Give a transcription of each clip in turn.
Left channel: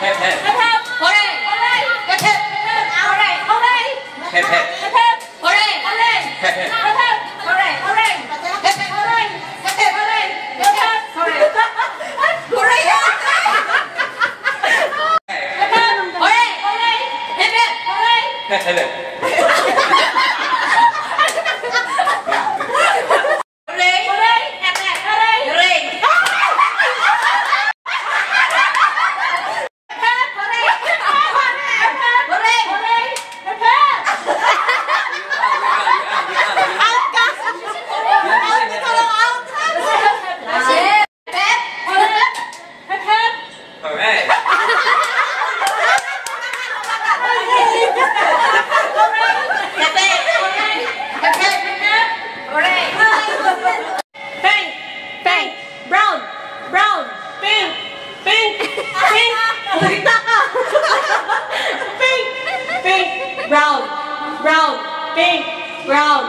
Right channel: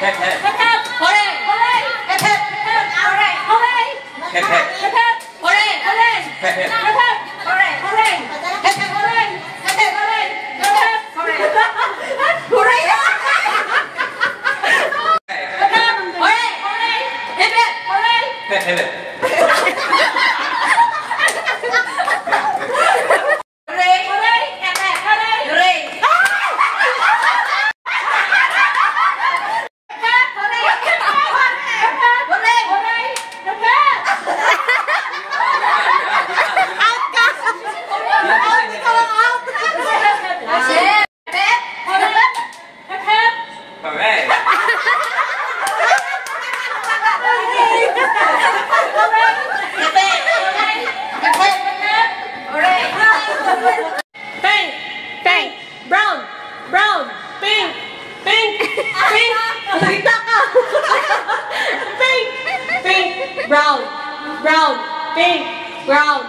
Hep hep. Hep hep. Hooray. Hooray. Hep hep. Hooray. Hooray. Hep hep. Hep hep. Hooray. Hooray. Hep hep. Hep hep. Hooray. Hooray. Hep hep. Hooray. Hep hep. Hooray. Hep hep. Hooray. Hooray. Hep hep. Hooray. Hooray. Hep hep. Hooray. Hep hep. Brown, brown, pink, brown,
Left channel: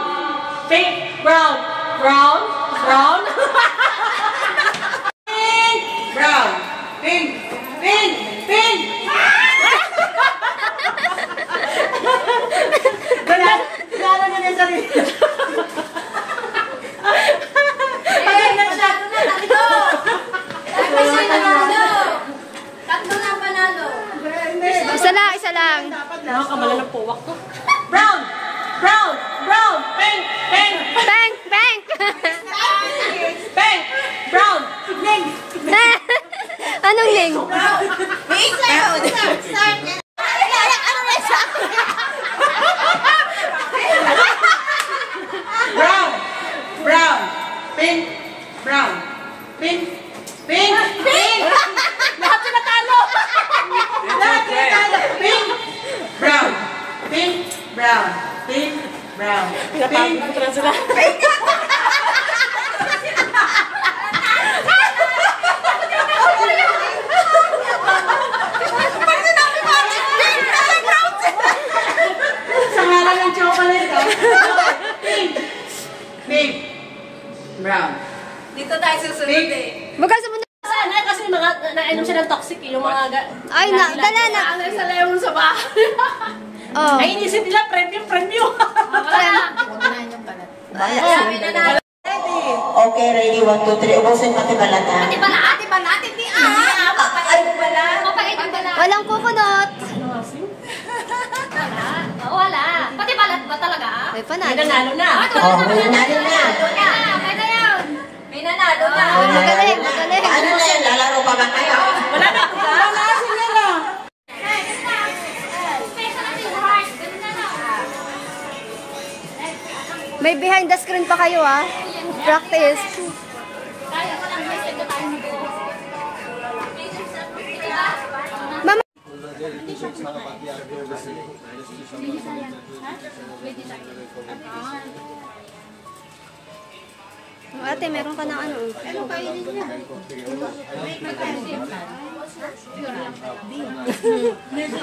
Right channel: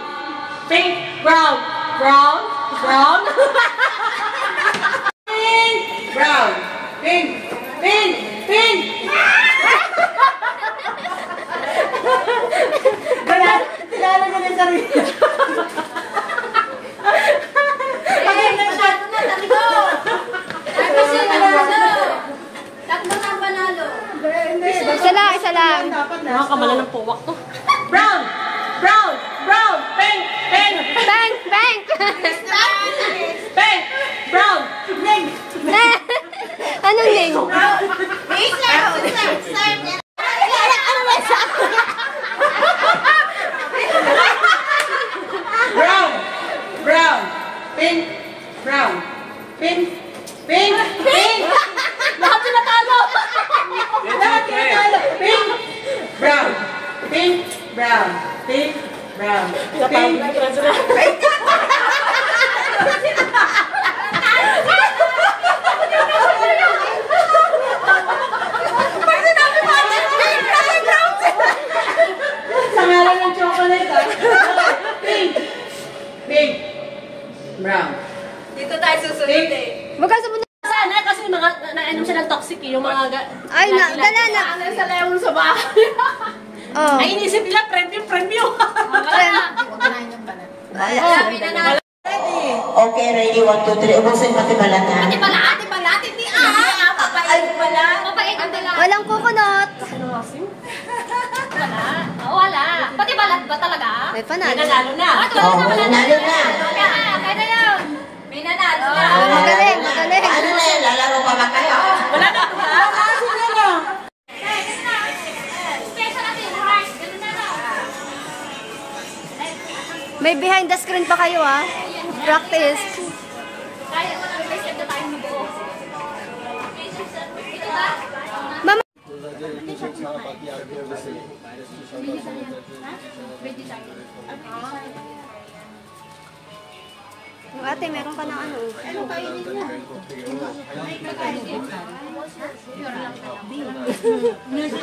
pink, brown, brown, brown, pink, brown, pink, pink, pink. Kilala niya na yung sarili niya. Pagay na siya. Tatlo na panalo. Isa lang. Nakakamala ng puwak to. Brown! Brown! Brown! Pink! Pink! Pink! Pink! Pink! Brown! Pink! Anong ling? Wait lang! Start! Brown! Brown! Pink! Brown! Pink! Pink! Pink! Lahat pinatalo! Lahat pinatalo! Pink! Brown! Pink! Brown! Pink! Brown! Pink! Pink! Sa ngalan ng chocolate, ha? Pink! Pink! Brown! Dito tayo susunod eh. Bukas mo na. Sana kasi mga nainom sila ng toxic eh, yung mga Ay, dala na. Ano sa layong sa bahay. Oh. Ay, inisip nila premium. Okay, ready, 1, 2, 3. Ubusin pati balatan. Di ba natin? Di Papait ang balat. Walang kukunot. Wala. Pati balat ba talaga? May panalo. Nanalo na. Oh, may nanalo na. Okay na yun. May nanalo na. Magaling. Ano na yun? Lalaro pa ba kayo? Wala na po ka? May behind the screen pa kayo, ah. Practice. Mama. Ate, meron ka na ano? Ano kainin niya?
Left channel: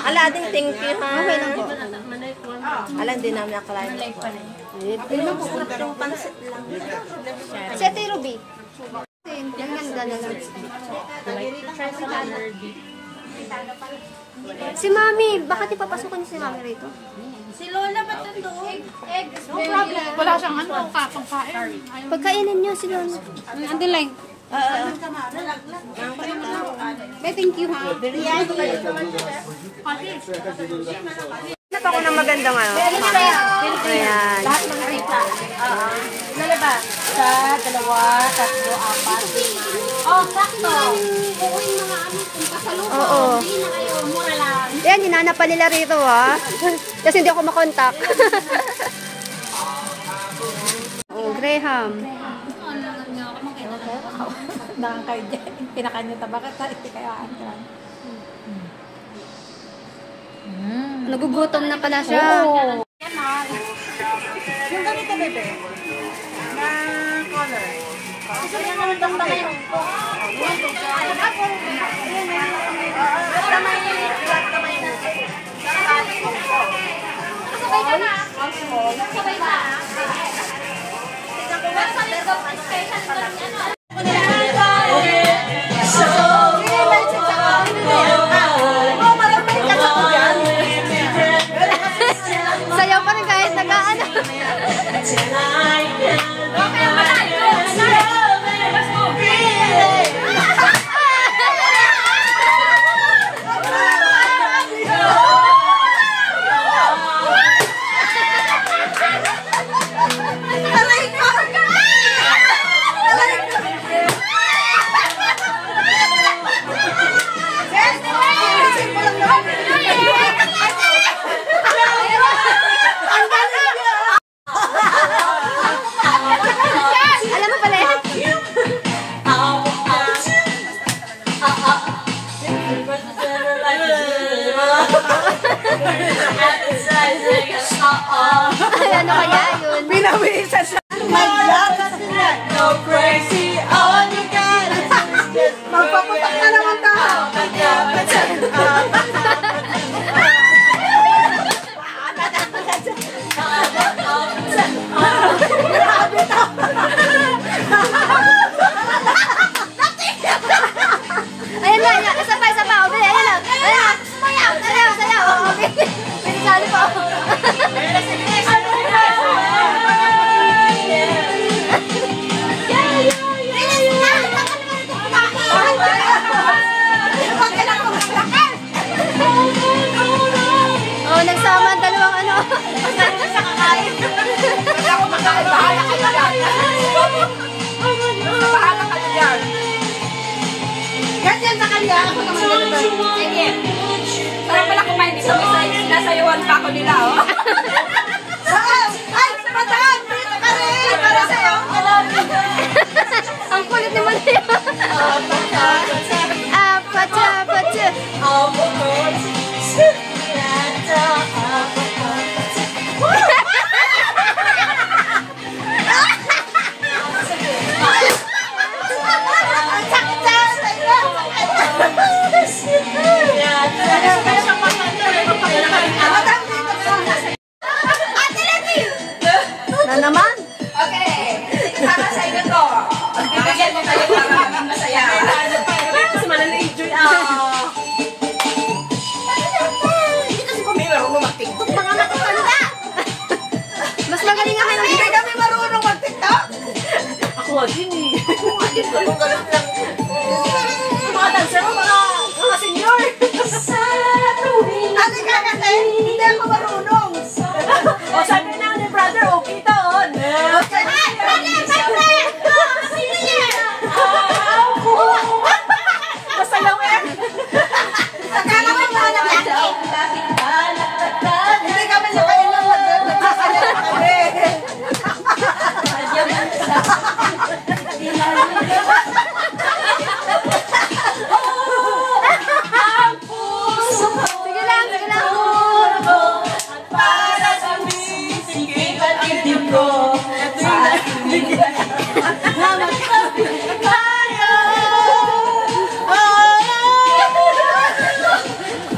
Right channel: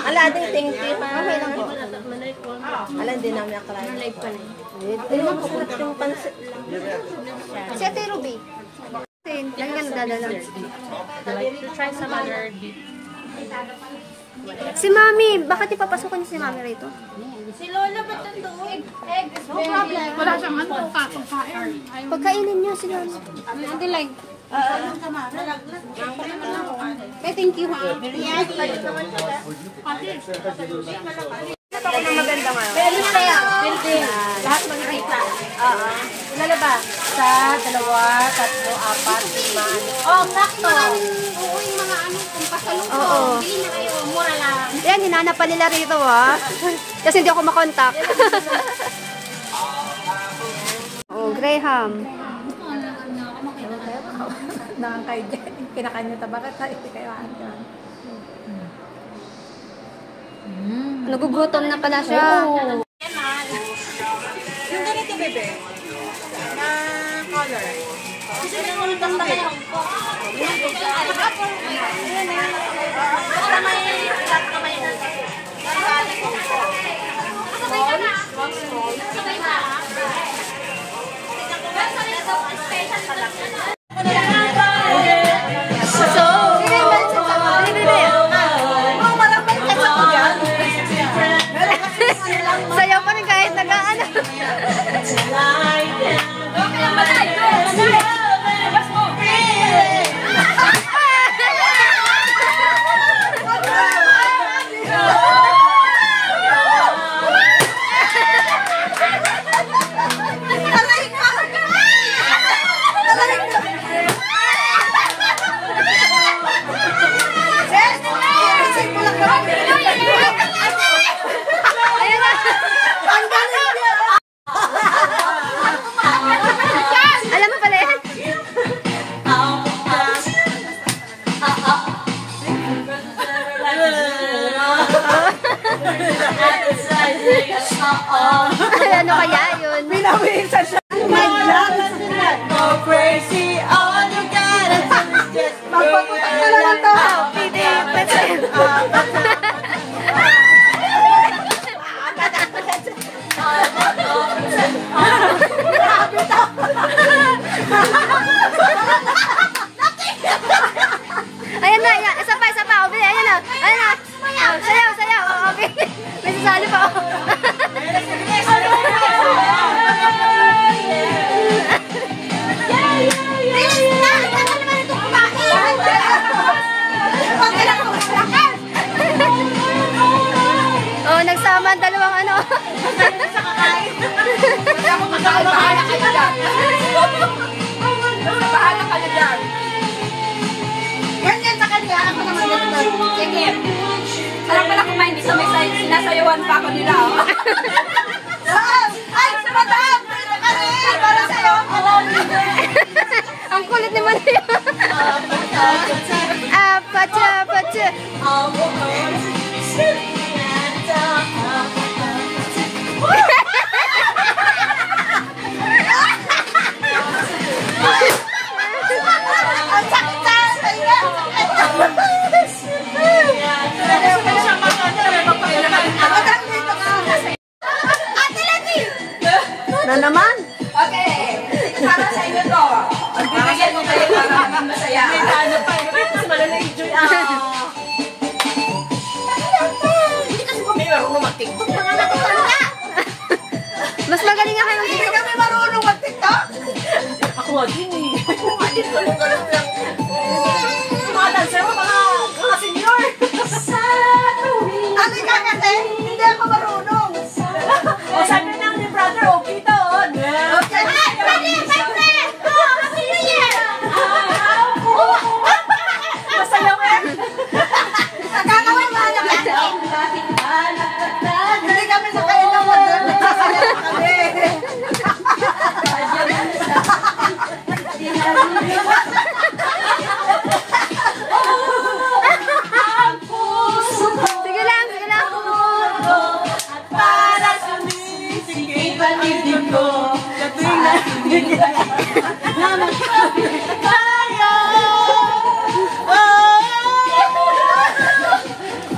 Ala, din thank you. Ala, din namin akalain. Hindi mo kukunat yung pansit lang. Si Ate Ruby. Ang ganda na lang. Try some other beef. Si Mami, bakit ipapasukan niyo si Mami rito? Si Lola ba't nandoon? No problem. Wala siyang katong kain. Pagkainin niyo si Lola. Andi lang. Thank you, ha? Ito ko na magandang ano. Lahat mga rita. Ilan ba? Isa, dalawa, tatlo, apat, lima. Oh, sakto. Uuwi mga amin kung pasalubong. Oo. Hindi na kayo, mura lang. Yan, hinanap pa nila rito, ha? Kasi hindi ako makontak. Oh, Graham. Nakakay dyan. Pinakain niyo bakit tayo kayo aangan. Nagugutom na pala siya. Yung ganito, bebe. Na color. Kasi may naman basta mayroon ko. Sabay ka na. Sabay ka. Tignan ko ba sa special ba ano? Ano kaya yun? Pinawin sa siya. No crazy on you got. Magpaputak na naman to. Ayan na, ayan. Isa pa. Okay, ayan na. Ayan na. Sayaw. Okay. May sasali pa ako. Oh, nagsama ang dalawang ano. Sa kakain. Ako makain, bahala kayo dyan. Bahala kayo dyan. Ganyan sa kanila, ako naman ganito. Sige. Parang pala kumain dito, may sinasayawan pa ako nila, oh. Ay, madam! Dito ka rin! Para sa'yo! Ang kulit naman niya. Pacha. Ang sakit sa'yo! Madam, dito ka rin. Ate Levy! Na naman? Okay. Para sa iyo to. Bibigyan mo kayo para maging masaya. Mas malala-enjoy Hindi kasi kami marunong mag-tiktok. Mga matutanda! Mas magaling nga kayo. Hindi kami marunong mag-tiktok. Ako din eh. Ganun lang. Mga dancer mo, mga senior. Ano ka kasi? Hindi ako marunong. O sabi na ni brother, okay to. Okay. Ay, brother! Happy New Year! Masayaw eh. Akala ko ba na hindi kami nakailang mag-girl. Nagsasayaw kami. Sige lang. Para sa misigit at ibig ko. Tayo!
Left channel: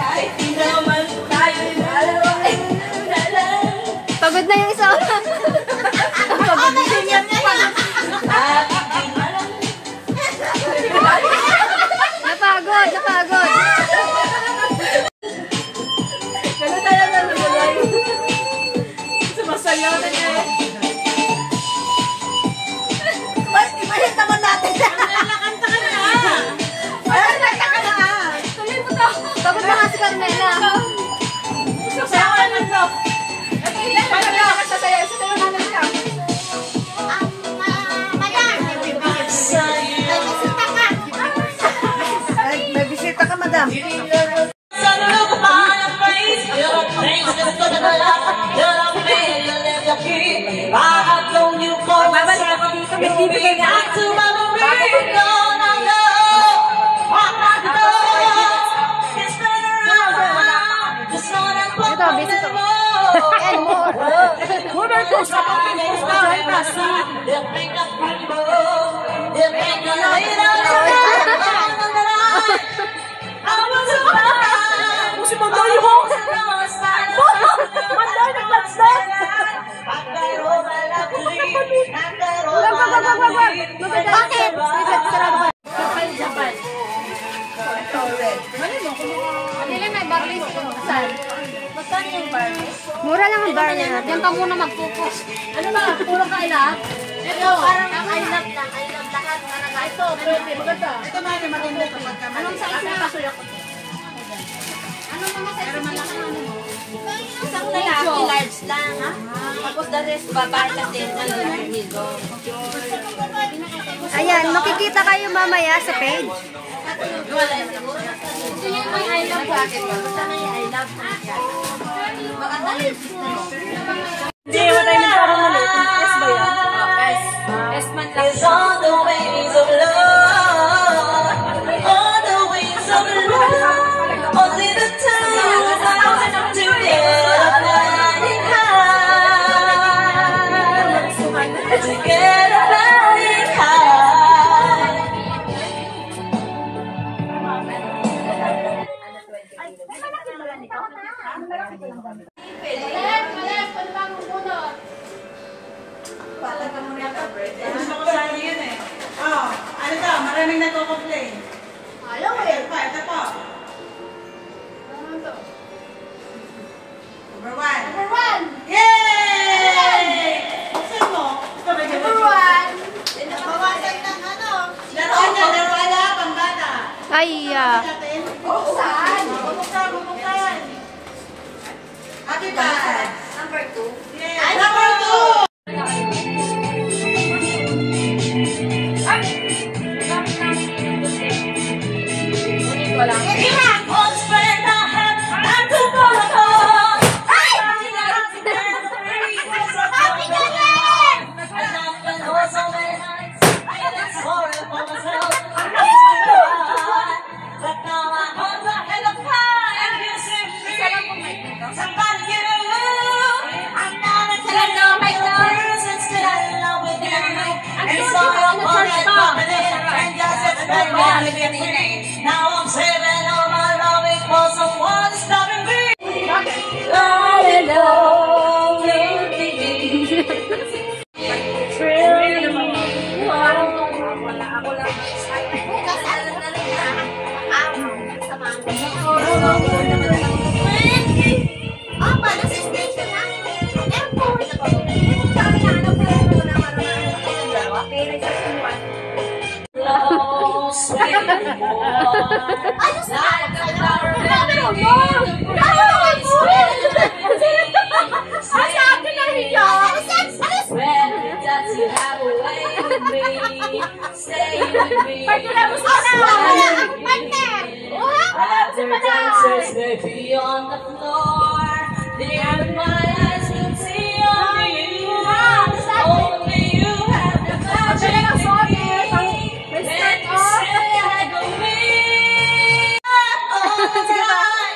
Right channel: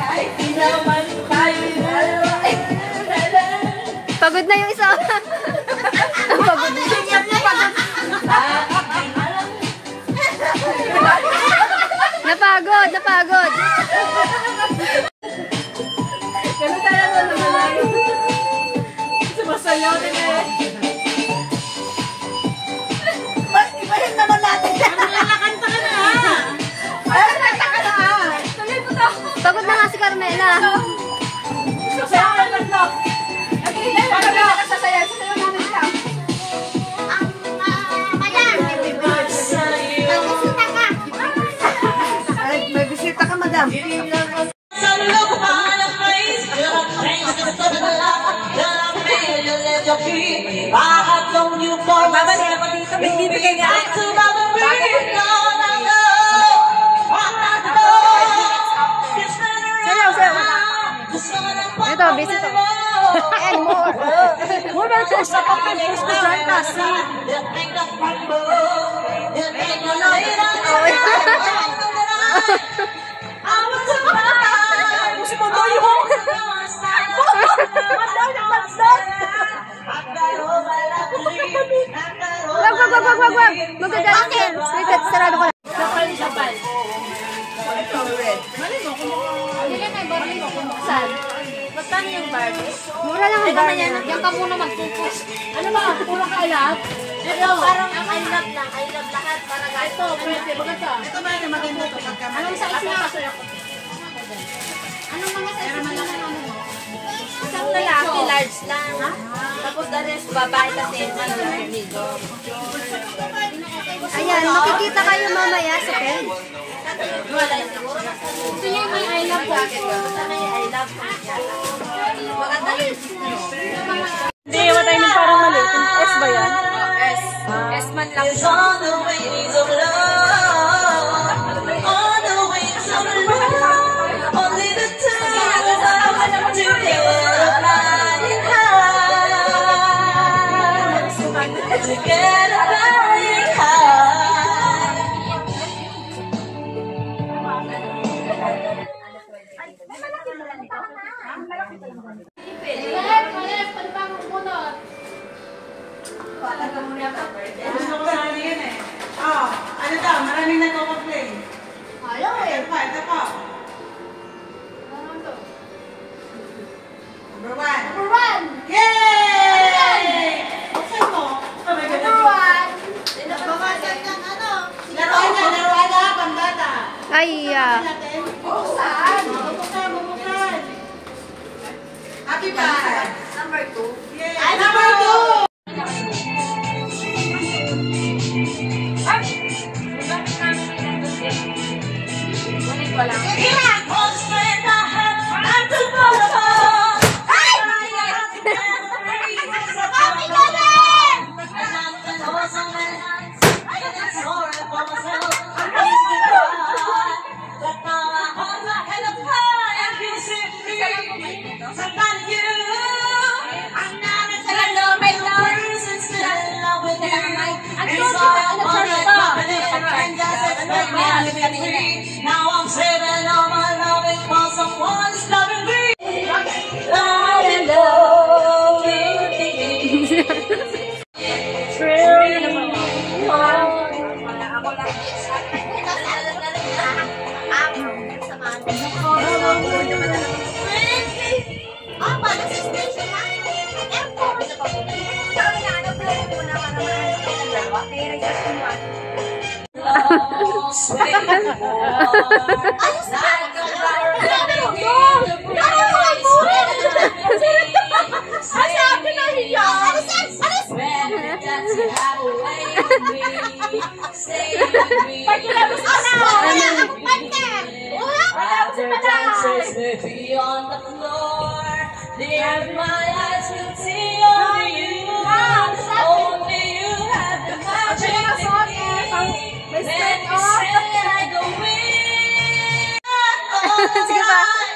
Kahit di naman tayo dalawa. Pagod na yung isa. Pagod na. Napagod. Ganun tayo nalulay. Sumasayaw na eh. Ibahin naman natin. Nakakanta ka na. Nakakanta ka na. Tuloy mo to. Pagod na nga si Carmela. Susayawan lang to. Pag kami nakasasayaw, sasayaw naman lang. May bisita ka, madam. Babalik ako dito, may bibigay nga. Ito, busy to. And more. Muna ko sa si Manday ho! Manday na flashlight! Wag. Bakit? Wait, sarado ko. Sapal. Saan? Magkano yung Barbie? Mura lang ang bar. Yan pa muna mag-focus. Ano ba? Puro ka ilat? Ito, parang I love lang. I love lahat. Parang Ito, pwede. Maganda. Ito ba yung maganda ito? Anong size na? Anong mga size na ano mo? isang lalaki, large lang. Tapos the rest, babae kasi medium. Ayan, makikita kayo mamaya sa page. Gusto niya yung may I love jacket. Gusto niya yung I love jacket. Maganda yun. Hindi, wala tayo ng parang mali. S ba yan? S man lang. On the ways of love. On the ways of love. Only the time that I do Gusto ko sana yun eh. Oh, ano daw? Maraming nagko-complain. Ayaw eh. Ito pa, ito pa. Number one. Number one. Yay! Buksan mo. Ito may ganda. Number one. Nabawasan ng ano. Laruan niya, laruan na, pambata. Ay, Buksan. Buksan, buksan. Happy ba? Number 2. Yay! Number two. Ulit ko lang. Now I'm saving all my loving for someone stopping me. On the floor, there my eyes can see only you. Only you have the magic in me. Then you say I go in. All the time,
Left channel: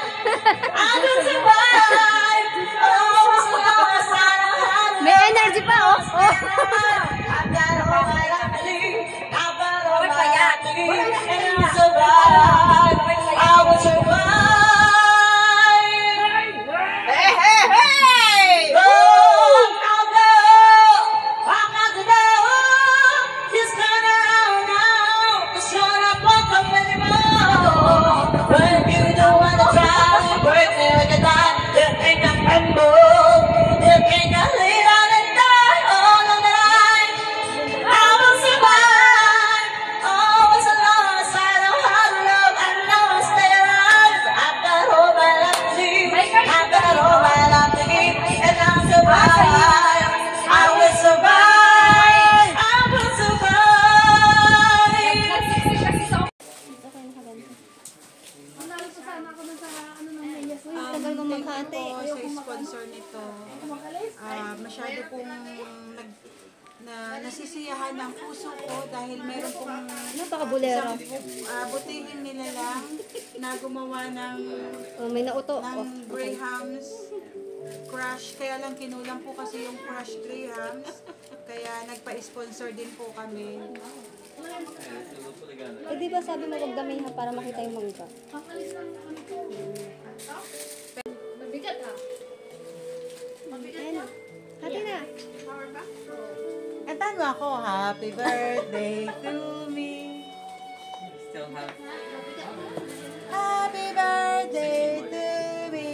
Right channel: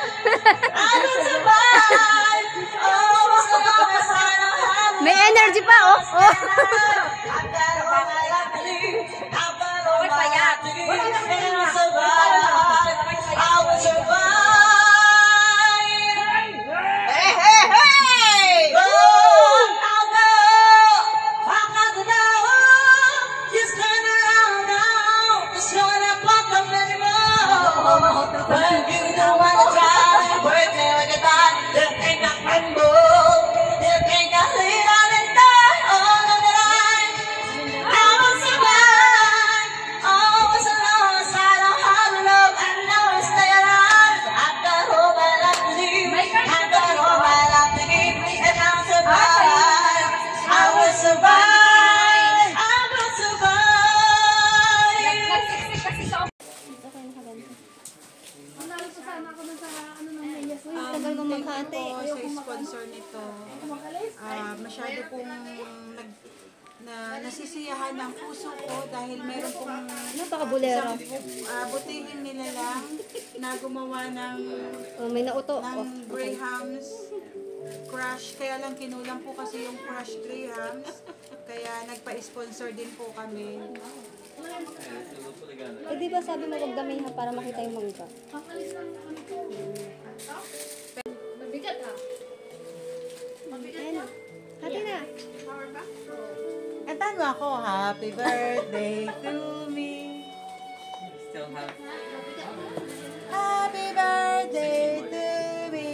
I will survive. Oh, as long as I have may energy pa, oh. I've got all that I believe. I've got all that I believe. And I'll survive. I will survive. When you don't wanna try, work like a dime, you ain't got rumble, you ain't got lead on and die all the time. I will survive, oh, as long as I know how to love, I know I'll stay alive. I've got all that I believe, I've got all that I believe, and I'll survive. I will survive, I will survive. Tagal mo maghati. Sa sponsor nito, masyado pong nasisiyahan ng puso ko dahil meron pong Napaka-bulero. butihin nila lang na gumawa ng Oh, may nauto. Oh. Grahams crush. Kaya lang kinulang po kasi yung crush Grahams. Kaya nagpa-sponsor din po kami. Eh, di ba sabi mo wag damihan para makita yung mangga? Mabigat ah. Ayan. Hati na. Kantahan mo ako, happy birthday to me. Still have Happy birthday to me.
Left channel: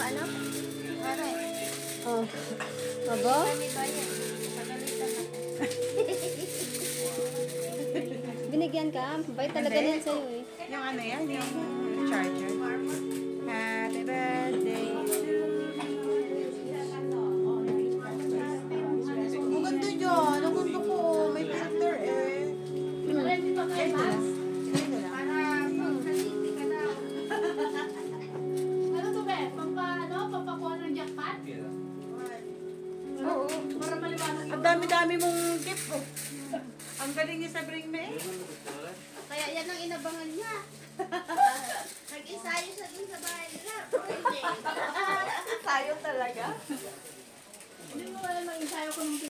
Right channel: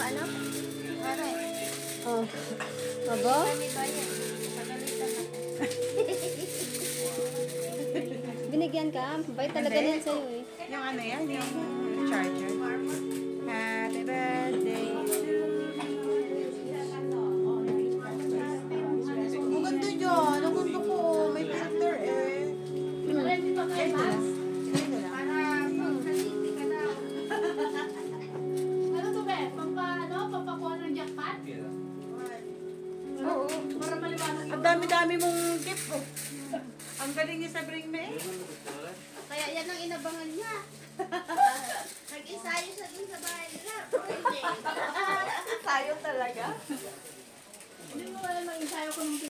Ano? Oh. Aba? Binigyan ka? Bait talaga Hindi. niyan sa'yo eh. Yung ano yan, yung charger. Happy birthday to me. Ang ganda dyan. Ang ganda ko. May filter eh. Ito lang. Ito lang. Ano to, be? Pampakuha ng jackpot? Oo. Para maliwanag Ang dami-dami mong gift oh. Ang galing niya sa Bring Me. Kaya yan ang inabangan niya. Nag-ensayo siya dun sa bahay nila. Tayo talaga. Hindi mo alam ang ensayo ko nung